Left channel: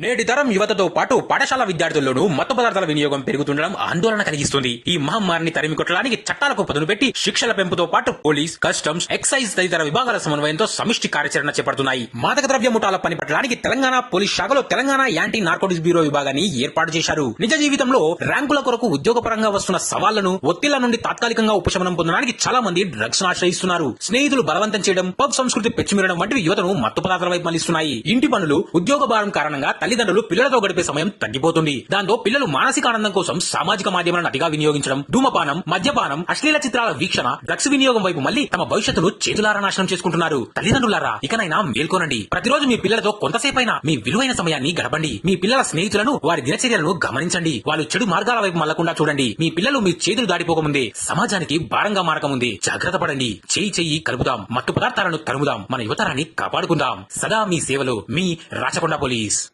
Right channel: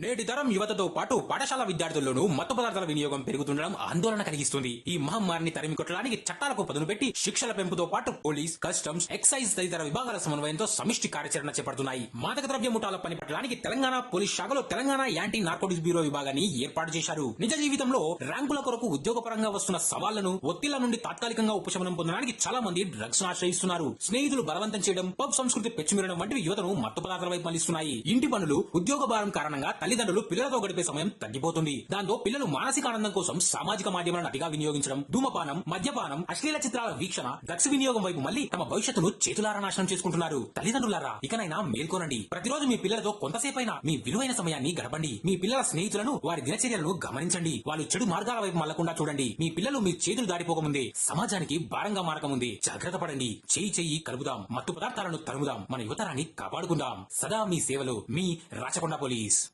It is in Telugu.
నేటి తరం యువతతో పాటు పాఠశాల విద్యార్థుల్లోనూ మత్తు పదార్థాల వినియోగం పెరుగుతుండడం ఆందోళన కలిగిస్తుంది. ఈ మహమ్మారిని తరిమి కొట్టడానికి చట్టాలకు పదును పెట్టి శిక్షల పెంపుతో పాటు పోలీస్ కస్టమ్స్ ఎక్సైజ్ తదితర విభాగాల సమన్వయంతో సమిష్టి కార్యాచరణ చేపడుతున్నాయి. మాదక ద్రవ్య ముఠాల పని పట్టడానికి తెలంగాణ పోలీస్ శాఖలో తెలంగాణ యాంటీ నార్కోటిక్స్ బ్యూరో విభాగాన్ని ఏర్పాటు చేశారు. నిజ జీవితంలో ర్యాంకుల కొరకు ఉద్యోగపరంగా వస్తున్న సవాళ్ళను ఒత్తిళ్ళ నుండి తాత్కాలికంగా ఉపశమనం పొందడానికి చాలా మంది డ్రగ్స్ ఆశ్రయిస్తున్నారు. స్నేహితులు బలవంతం చేయడం పబ్ సంస్కృతి పెచ్చిమిరడం వంటివి యువతను మత్తు పదార్థాల వైపు మళ్ళిస్తున్నాయి ఇంటి పనులు ఉద్యోగ భారం కారణంగా తల్లిదండ్రులు పిల్లలతో గడిపే సమయం తగ్గిపోతుంది. దాంతో పిల్లలు మానసిక ఆనందం కోసం సామాజిక మాధ్యమాలను అతిగా వినియోగించడం ధూమపానం మద్యపానం అశ్లీల చిత్రాల వీక్షణ డ్రగ్స్ వినియోగం వైపు మళ్ళీ తమ భవిష్యత్తును చేతులారా నాశనం చేసుకుంటున్నారు. తల్లిదండ్రులారా ఇకనైనా మేల్కొనండి. ప్రతిరోజు మీ పిల్లలతో కొంతసేపైనా మీ విలువైన సమయాన్ని గడపండి. మీ పిల్లల స్నేహితులను వారి దినచర్యలను గమనించండి. వాళ్ళు చెడు మార్గాల వైపు మళ్ళకుండా చూడండి. మీ పిల్లలు మీ చేతులు దాటిపోకముందే సమాజానికి భారంగా మారకముందే జాగ్రత్త పడండి. చేయి చెయ్యి కలుపుదాం మత్తు పదార్థాలను తరుముదాం మన యువతరాన్ని కాపాడుకుందాం. సదా మీ సేవలో మీ రాచకొండ పోలీస్.